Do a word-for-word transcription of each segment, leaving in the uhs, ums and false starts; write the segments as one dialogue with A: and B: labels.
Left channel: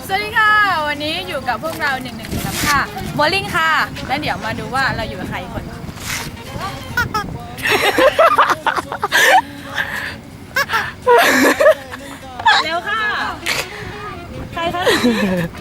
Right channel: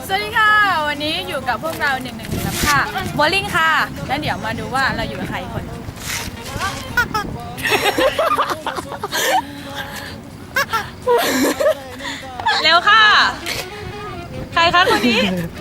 A: สวัสดีค่ะวันนี้อยู่กับพวกเราหนึ่งหนึ่งหนึ่งลำค่ะโบลิ่งค่ะและเดี๋ยวมาดูว่าเราอยู่กับใครคน เร็วค่ะใครคะคนนี้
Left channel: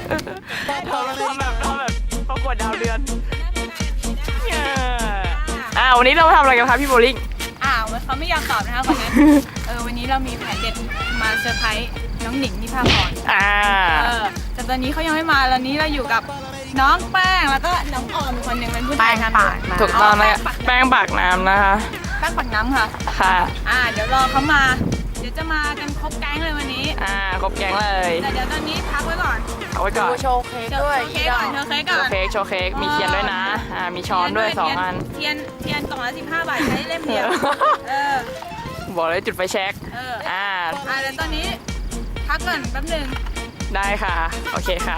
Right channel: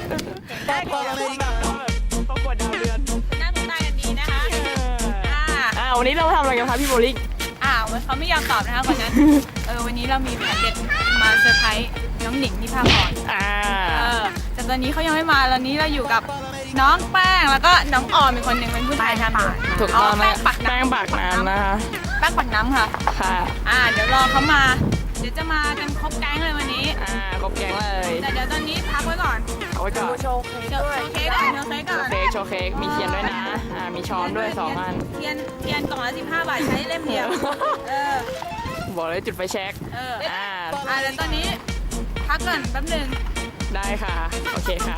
B: ประกวดดาวเดือน
A: หน้าตากันดีนะคะ
B: อ่าวันนี้เราทำอะไรกันคะพี่โบลิ่ง
A: อ้าวเขาไม่ยอมตอบนะคะคนนั้นเออวันนี้เรามีแผนเด็ดมาเซอร์ไพรส์น้องหนิงนิพาพร
B: อ่า
A: เออแต่ตอนนี้เขายังไม่มาตอนนี้เราอยู่กับน้องแป้งแล้วก็น้องออมอีกคนหนึ่งเป็นผู้ชายทำ
B: ถูกต้องนะแป้งปากน้ำนะคะ
A: แป้งปักน้ำค่ะ
B: ค่ะ
A: อ่าเดี๋ยวรอเขามาเดี๋ยวจะมากันครบแก๊งเลยวันนี้
B: อ่าครบแก๊งเลย
A: แต่เดี๋ยวตอนนี้พักไว้ก่อน
B: เอาไว้ก่อน
A: โชว์เค้กด้วยโชว์เค้กก่อนโชว์เค้กก่อน
B: โชว์เค้กโชว์เค้กมีเทียนด้วยนะอ่ามีช้อนด้วยสองอัน
A: เทียนเทียนกล่องละสิบห้าบาทใช้เล่มเดียวเออ
B: บอกเลยจุดไฟแช็ก
A: เอออ่าอ่าแล้วตอนนี้พักก่อนแป๊บนึง
B: ได้ค่ะโอเคค่ะ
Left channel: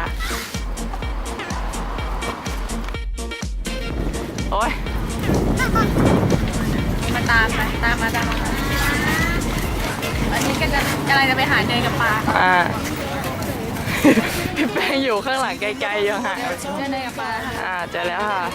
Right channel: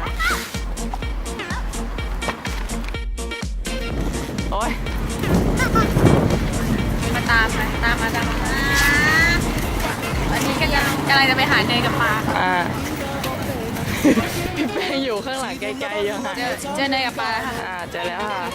B: โอ้ย
A: มาตามมาตามมาตามมาวันนี้ก็กำลังจะไปหาเนยกับปลา
B: อ่าพี่แป้งอยู่ข้างหลังไกลๆยังไง
A: เจอเนยกับปลา
B: อ่าเจอแล้วค่ะ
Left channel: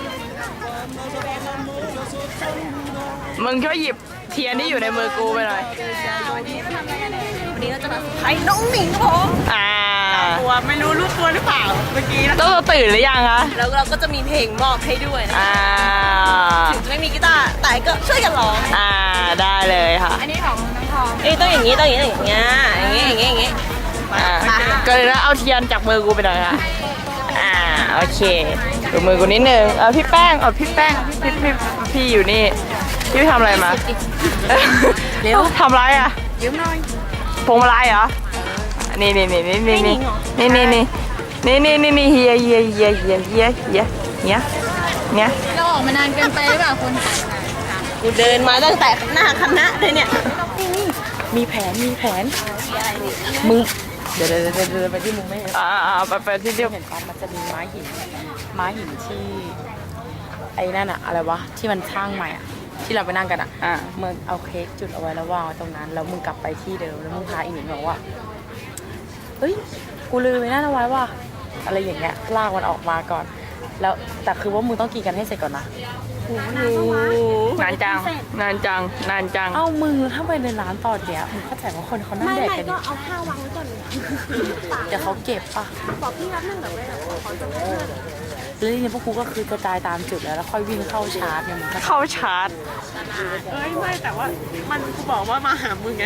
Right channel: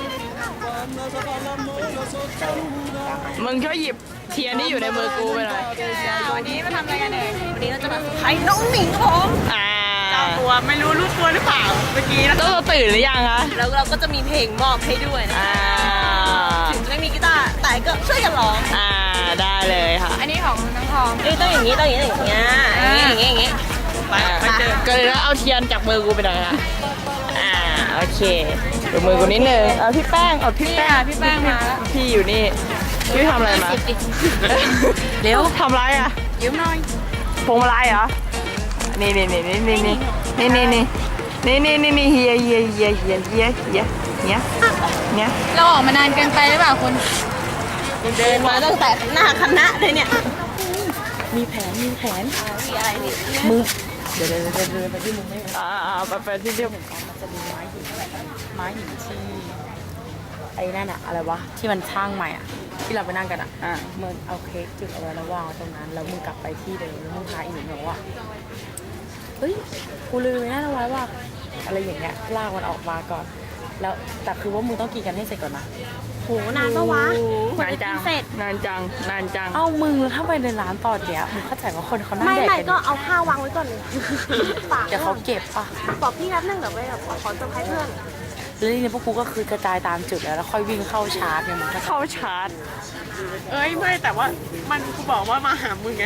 B: มึงช่วยหยิบเทียนที่อยู่ในมือกูไปหน่อย
A: วันนี้มาทำอะไรกันเนยวันนี้เราจะมาไข่น้องหนิงครับผม
B: อ่า
A: ตัวไม่รู้รู้ตัวหรือเปล่าเมื่อกี้นะ
B: ต้องตื่นหรือยังคะ
A: แล้วเราก็จะมีเพลงมอบให้ด้วยนะถึงจะไม่มีกีตาร์แต่ก็ช่วยกันร้อง
B: อ่าได้เลยค่ะ
A: อันนี้ของน้องทองเอ้ยต้องอย่างนี้ต้องอย่างนี้อย่างเงี้ยอย่างงี้อย่างงี้อย่างงี้
B: ก็เลยเอาเทียนจากมือกูไปหน่อยค่ะอ่าโอเคดูมือกูนิดนึงเอาพี่แป้งเอาพี่แป้ง
A: พี่แป้ง
B: พี่อยู่นี่พี่ทำอะไรมา
A: เร็ว
B: ทำไรอ่ะ
A: ยืมหน่อย
B: พวงมาลัยเหรอนี่นี่นี่นี่นี่นี่นี่นี่นี่นี่นี่นี่นี่เฮียเฮียเฮียเฮียเฮียเฮียเนี้ยเนี้ย
A: เราออกมานานเกินไปหรือเปล่าคุณเดินมาตั้งแต่หน้าคณะเลยเนี่ย
B: มีแผนมีแผนมึงเดี๋ยวเดี๋ยวเดินเดินไปที่มึงไม่เห็นอ่าไปไปที่เดียวเห็นกันมันจะมีไม้หินไม้หินที่ไอ้นั่นอะอะไรวะที่มันช่างใหม่อะที่เราไปนั่งกันอะอ่ามึงเอาเค้กจุดเอาไว้แล้ววางตรงนั้นแล้วมึงกลับไปที่เดิมแล้วมึงพาอีหนิงบอกว่าเฮ้ยกูลืมไว้นั่นเอาไว้ว่าอะไรอย่างเงี้ยลากมันออกมาก่อนแล้วแต่คือว่ามึงต้องกินกันให้เสร็จก่อนนะ
A: โหนานปะวะ
B: นานจังนานจังนานจัง
A: เอ้ามึงถ้าไปในร้านตอนเนี้ยมึงเข้าใจว่าคนเขานั่งแดกกัน
C: ไม่ก็เอาข้าววางไว้ก่อนเลย
B: เดี๋ยวเขาเก็บป่ะ
C: บอกพี่นัดนึงแบบว่าขอจะให้เพิ่ม
B: แล้วทีนี้พวกกูก็คือกระจายตามจุดแล้วแล้วค่อยวิ่งเข้าชาร์จเนี่ยมึงเข้าชาร์จ
A: เอ้ยไม่แต่ว่ามันกูบอกว่ามาหามึงไง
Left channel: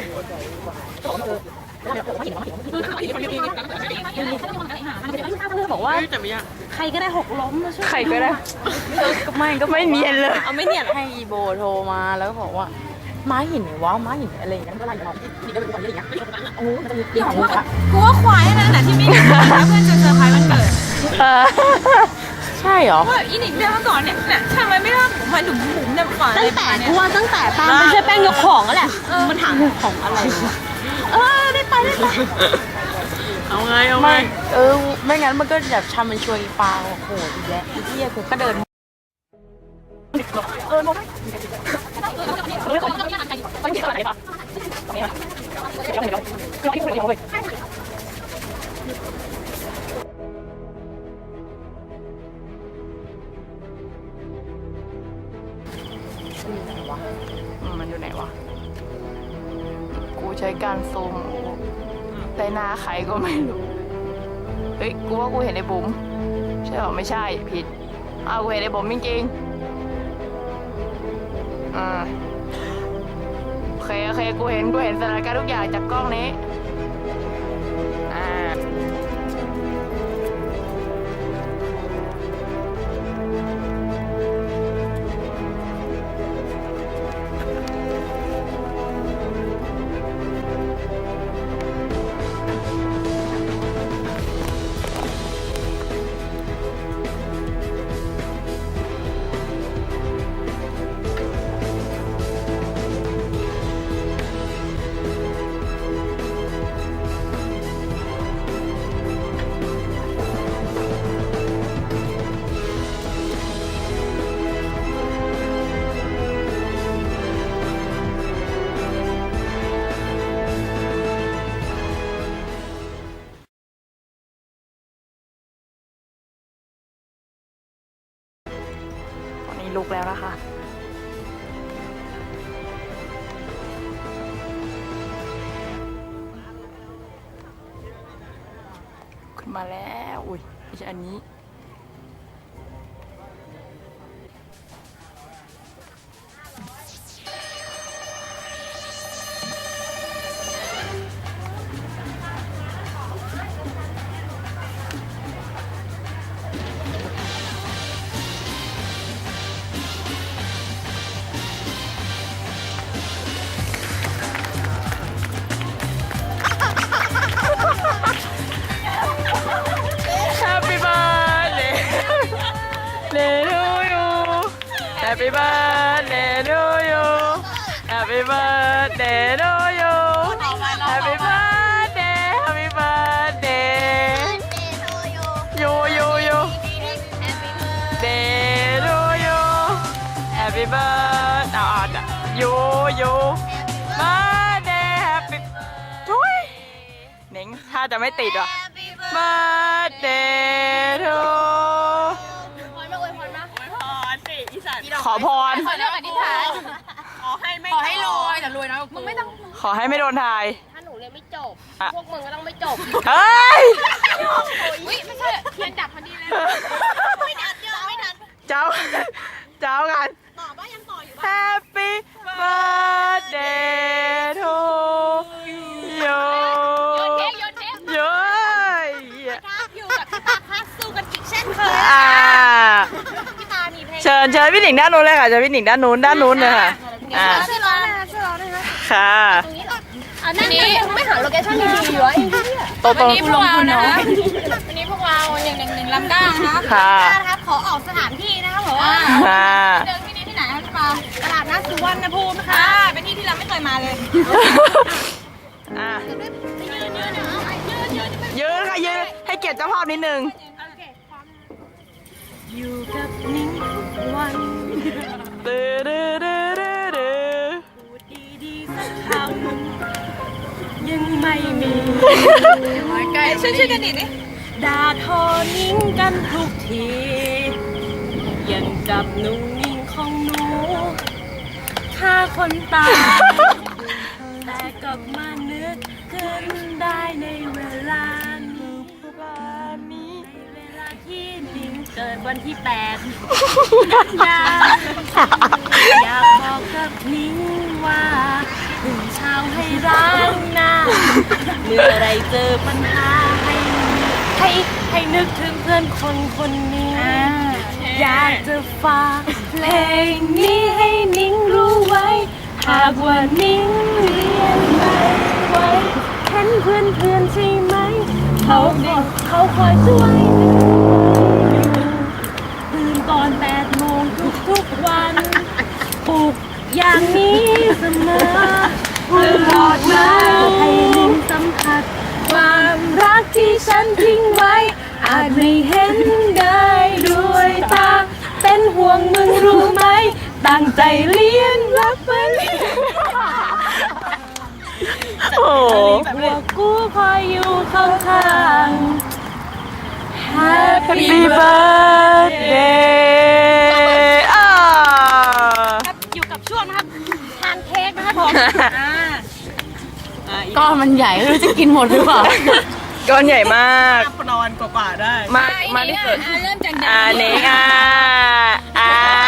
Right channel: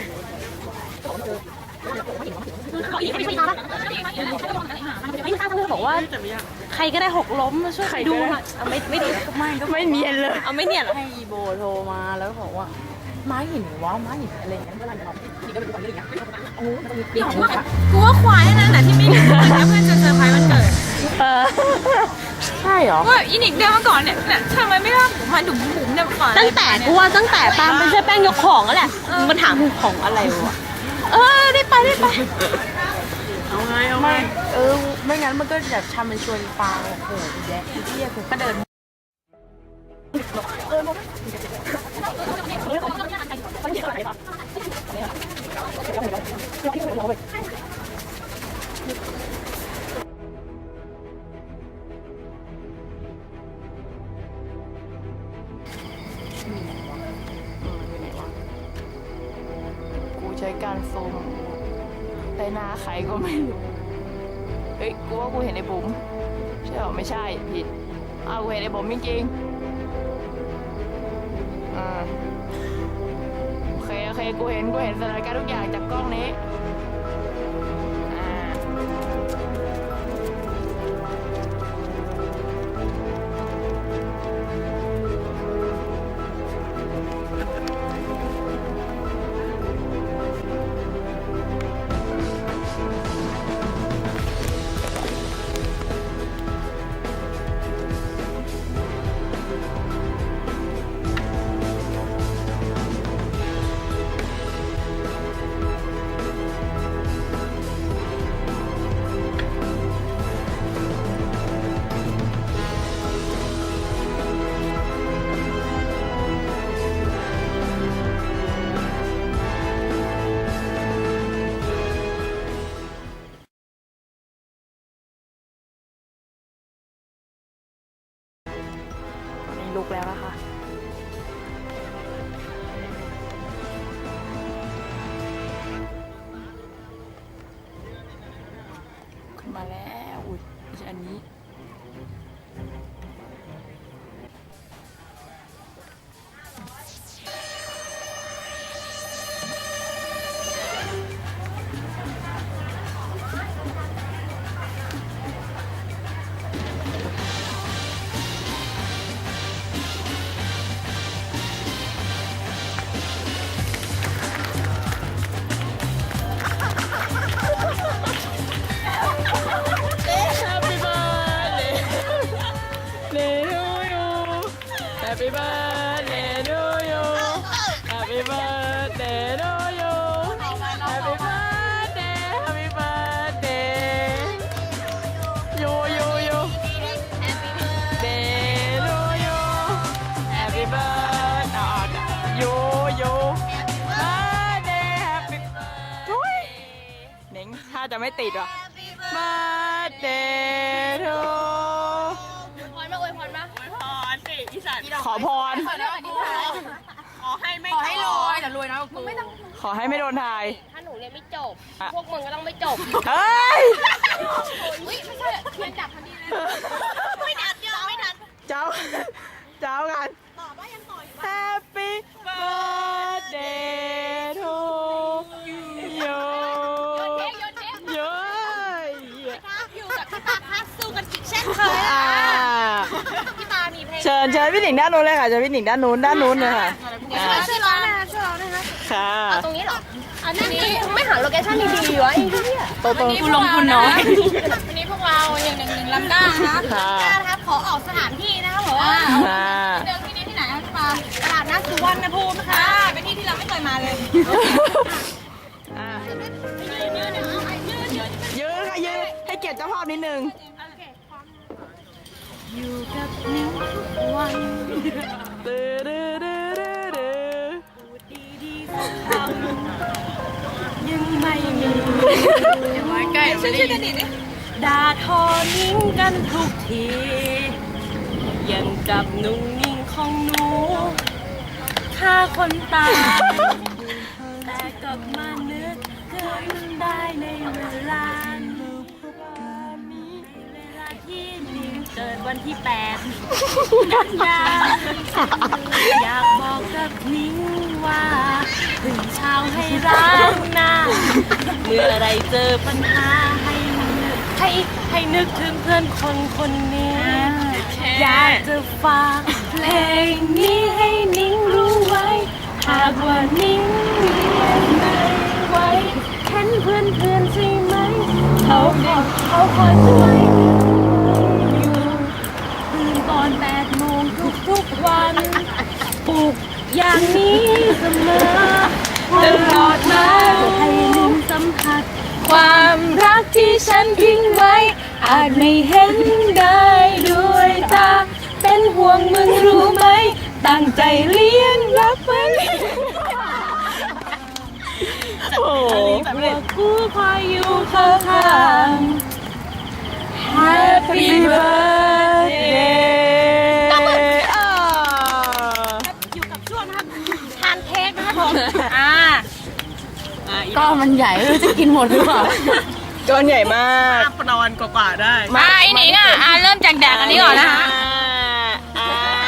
C: บอกว่าใครก็ได้หกล้มมาช่วยดูไม่ไม่ดู
B: ไม่ก็ไม่เนียนเลย
C: เอาไม่เนียน
B: ให้อีโบโทรมาแล้วก็บอกว่าไม้หินวะไม้หินอะไรอย่างเงี้ยก็ไล่เขานี่ก็เป็นคนอย่างเงี้ยโอ้มันจะมีเรื่องของมึงอะ
A: กูว่าควายนั่นแหละที่ไม่ได้เพื่อนจะเซอร์ไพรส์วันเกิด
B: ใช่หรอ
A: ว่าอีหนิงเดินมาก่อนเนี่ยเนี่ยทำไมไม่ว่าผมมาดุมบุ๋มเนี่ยก่อน
C: ตั้งแต่กูว่าตั้งแต่ปาไปช่วยแป้งยกของแล้วแหละมันถามของอะไรวะเออได้ไปได้ไป
A: เอาไงเอาไง
B: เออไม่งั้นมันก็แบบทำเป็นชวนปลาโอ้โหอีแย่อีเหี้ยกูก็เดินเออมองไม่เห็นอะไรปะมันอยู่ไหนวะกูใช้การซูมแต่หน้าใครก็ไม่รู้เฮ้ยกูว่ากูเห็นไอ้บุ๋มใช่หรอไม่ใช่ผิดอ้าวกูเห็นไอ้บุ๋มจริงๆอ่าโอเคโอเคกูเห็นกูเห็นสถานการณ์ทุกอย่างจากกล้องนี้อ่ากแล้วนะคะขึ้นมาแล้วอุ้ยไม่ใช่อันนี้Happy birthday to you Happy birthday to you Happy birthday Happy birthday You you you Day to you Happy birthday You you Birthday Happy ทุยเน่งถ้าจะไม่ติดว่ะ Birthday toขอพร
C: ขอเรื่องอธิษฐานขอให้ไม่ขอให้รวยแต่รวยนะมึงไม่ต้อง
B: ขอให้ไม่โดนทาย
C: ถ้าหนูเรียนไม่จบ พวกมึงก็ต้องไม่จบ
B: เฮ้ย
C: อุ้ยไม่ใช่เทียนดับพอดีเลยไม่ดับเยอะไม่ดับ
B: เจ้า เจ้ากัน
C: ต่อบ้ายังต่ออยู่
B: Happy birthday to you
C: โยนเค้กโยนเค้ก
B: เย้ย
C: ครับอยู่กับพี่ตาพักสู้กันอีกเช่นเคย
B: อ่า
C: พี่ตามีเพลง
B: เชิญเชิญพี่หนิงด้านนู้นเลยค่ะเชิญพี่หนิงด้านนู้นด้านนู้นเลยค่ะอ่า
C: ช่วยร้องนะคะช่วยร้องนะคะ
B: ค่ะ
C: ตรงนี้เหรออันนี้ไม่หาโลเคชั่นดีๆวะไอ้เนี่ย
B: โตโต
A: คุณลงทุนน้อยวันนี้พวกเราหนึ่งหนึ่งหนึ่งลำก้านะคะ
B: ค่ะ
C: นะครับขอออกสถานที่นะคะผม
A: อ่า
B: ค่ะ
A: เดินที่นี่ที่ไหนคะพี่ปา
C: ตลาดนัดสุวรรณภูมินะคะ
A: อ่าเป็นที่ที่เราไม่เคยมาเลย
B: อ่า
C: ยืนยืนเนี่ยเอายืนยืน
B: ยืนค่ะยืนให้เกียรติเจ้าภาพนิดนึง
C: อยู่กับนิ้งทุกวัน
B: ดื้อดื้อดื้อดื้อดื้อ
C: พูดดีๆสักคำยังไม่มี
A: ใกล้ช่วยช่วยกันดิดิ
C: ด่าทอนิ้งกันทุกทียังกับนุ่งนิ่งของหนูฆ่าคนตายแต่กลับมานึกขึ้นได้ในเวลานี้ในเวลาที่นิ้งเกิดวันที่แปดกันยาอยากบอกกับนิ้งว่าถึงเช้าให้ร้างหน้าเมื่อไรเจอปัญหาให้ให้ให้นึกถึงเพื่อนคนคนนี้ อยากจะฝากเพลงนี้ให้นิ้งรู้ไว้ หากว่านิ้งเรียนไม่ไหวเห็นเพื่อนเพื่อนใช่ไหม เขาคอยเขาคอยช่วยอยู่ตื่นก่อนแปดโมงทุกทุกๆวันปลุกอย่างนี้เสมอตลอดมาให้นิ้งสัมผัส ความรักที่ฉันทิ้งไว้ อาจไม่เห็นได้ด้วยตาเป็นห่วงมึงรู้ไหม ตั้งใจเลี้ยงรักมัน
B: โอ้โห
C: พวกกูคอยอยู่ข้างๆ Happy
B: Happy birthday อ่า
C: อยู่กับช่วงนะครับทานเค้กนะครับผม
A: อ่า
C: ก็มันใหญ่ไม่รู้จะกินหมดหรือเปล่า
B: ก้อนใหญ่มาก
D: นอนกว่าๆได้
A: มาไอ้นี่น่ะอ่าเริ่มจากแดดนี้ก่อนนะ
B: อ่า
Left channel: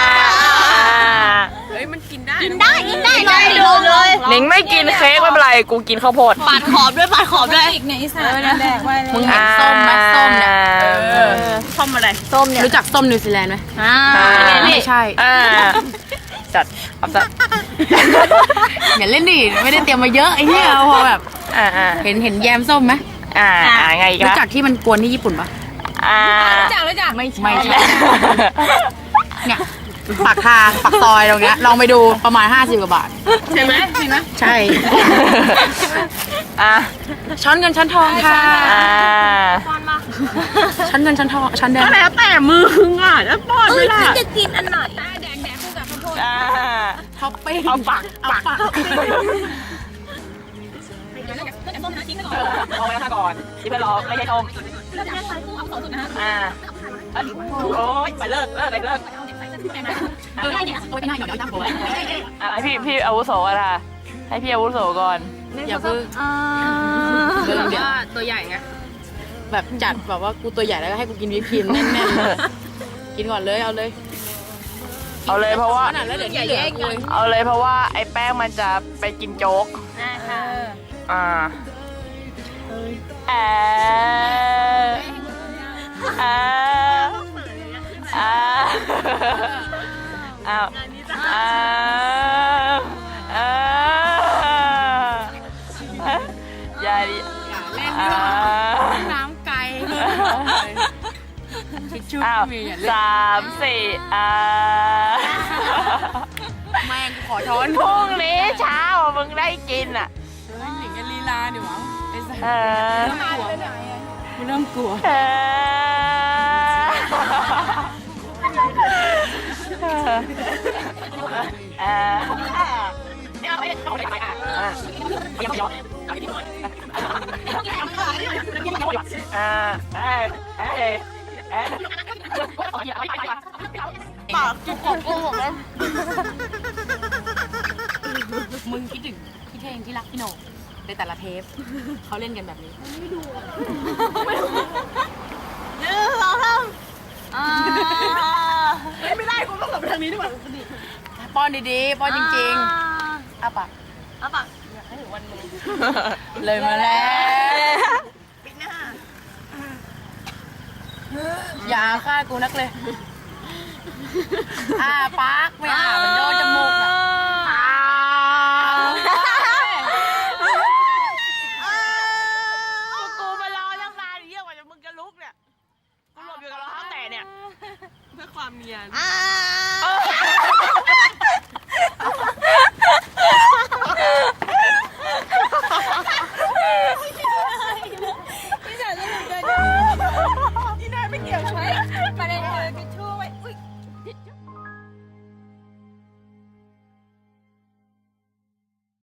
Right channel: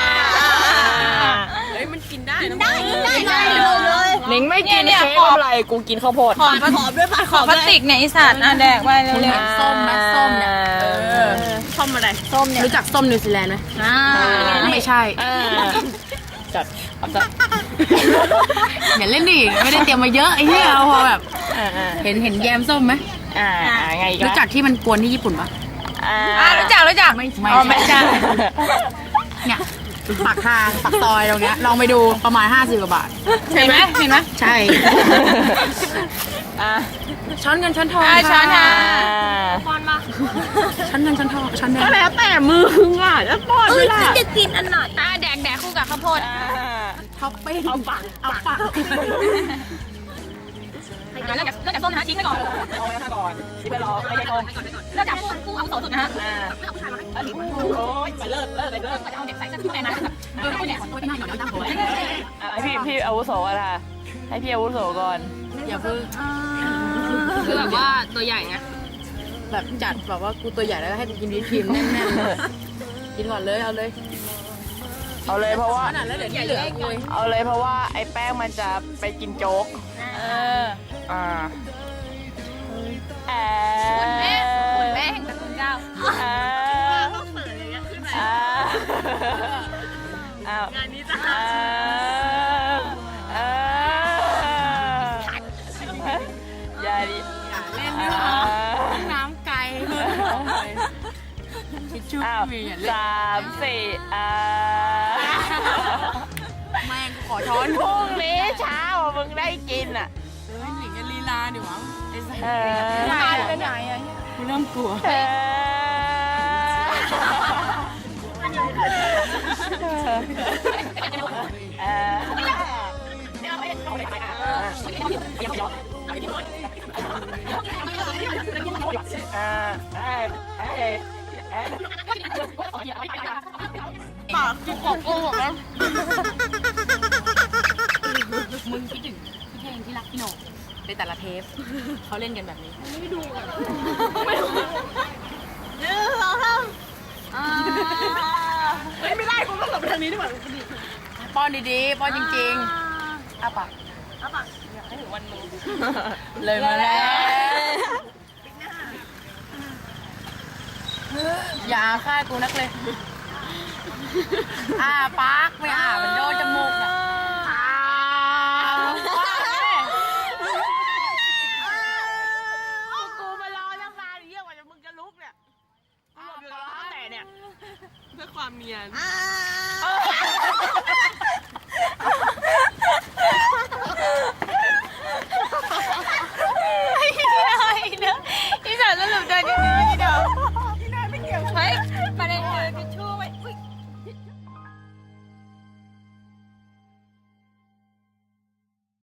D: เฮ้ย มันกินได้
C: กินได้กินได้ได้เลย
B: หนิงไม่กินเค้กไม่เป็นไรกูกินข้าวโพด
C: ปาดขอบด้วยปาดข
A: ข
C: อ
A: อ
C: บ
A: พลา
C: ด้
A: ส
C: วย
A: ติกเนี่ยไอีสัตว์นะแดกไปเลย
B: อ่า
C: ส้มไหมส้มเนี่ย
D: เออส้มอะไร
C: ส้มเนี่ยรู้จักส้มนิวซีแลนด์ไหม
A: อ่า
C: ไม่ใช่
B: อ่าจัดเอาจัด
C: อย่าเล่นดิไม่ได้เตรียมมาเยอะไอ้เนี่ยเอาพอแบบ
B: อ่าอ่า
C: เห็นเห็นแยมส้มไหม
B: อ่าอ่าไงอีก
C: รู้
B: คะ
C: จักที่มันกวนที่ญี่ปุ่นปะ
B: อ่า
A: อ่ารู้จักรู้จักไม่
C: ไม่
B: อ๋อไม่
C: ใช่
B: ใช่
C: เนี่ยปากทางปากซอยตรงเนี้ยลองไปดูประมาณห้าสิบกว่าบาท
A: เห็นไหมเห็นไหม
C: ใช่
B: อ่า
C: ช้อนเงินช้อนทอง
A: อ่าช้อนท
C: ค่ะ
A: อง
C: ช้อนเงินช้อนทองช้อนแดง
D: ก็แล้วแต่มืออ่ะแล้วป้อนไม่ล่ะ
C: จะกินอันไหน
A: อ่าแดกแดกคู่กับข้าวโพด
B: อ่า
C: ท็อปปิ้ง
B: เอาปาก
C: เอาปาก
A: เริ่มจากเริ่มจากส้มนะทิ้งไปก่อน
B: เอาไว้ข้างก่อนที่ไปรอไม่ใช่ชง
A: เริ่มจากคู่คู่เอาสองสุดนะฮะ
B: อ่าโอ้ยไปเลิกเลิกไปเลิก
A: เอาเด็กใส่เสื้อที่แม่นะเอาเด็กของตัวที่หน้าหยอดย้อมตามหัว
B: ให้พี่พี่อาวุโสก่อนค่ะให้พี่อาวุโสก่อน
C: อย่าเพิ่งแบบว่าตัวใหญ่ไง
B: แบบจัดแบบว่ากูตัวใหญ่แล้วก็ให้กูกินวิปครีมแน่นๆเลยกินก่อนเลยเอาเลยเอาเลยเพราะว่า
C: ขนาดแล้วเดี๋ยวที่เหลือกู
B: เอาเลยเพราะว่าไอ้แป้งมันจะไปกินโจ๊กอ่าแอ
A: แม่เก้า
B: อ่าอ่าอ้าวอ่าอ่าอย่าดิอย่าเล่นด้วยน้ำไก่ทิชชู่มีอย่าเล่นสามสี่อ่าแม่งขอช้อนพรุ่งนี้เช้ามึงได้กินอ่ะเฮ้ยหญิงกันลีลาดิวะไอ้สัสมาไปไหนอ่ะกูเริ่มกลัวเออปากจุกกบกูหมดแล้วมึงคิดถึงพี่เท่งที่รักพี่โหน่งในแต่ละเทปเขาเล่นกันแบบนี้ไม่ดูไม่ดูเนื้อเราทำไม่ได้กูต้องหลบทางนี้ด้วยป้อนดีๆป้อนจริงๆอ้าปากอ้าปากอยากให้ถึงวันมึงเลยมาแล้วอย่าฆ่ากูนักเลยอ้าปากไม่อ้ามันโดนจมูกนะกูมารอตั้งนานเยี่ยกว่าจะมึงจะลุกเนี่ยกูหลบอยู่กับรองเท้าแตะเนี่ย
D: เพื่อความเนียน
B: เออ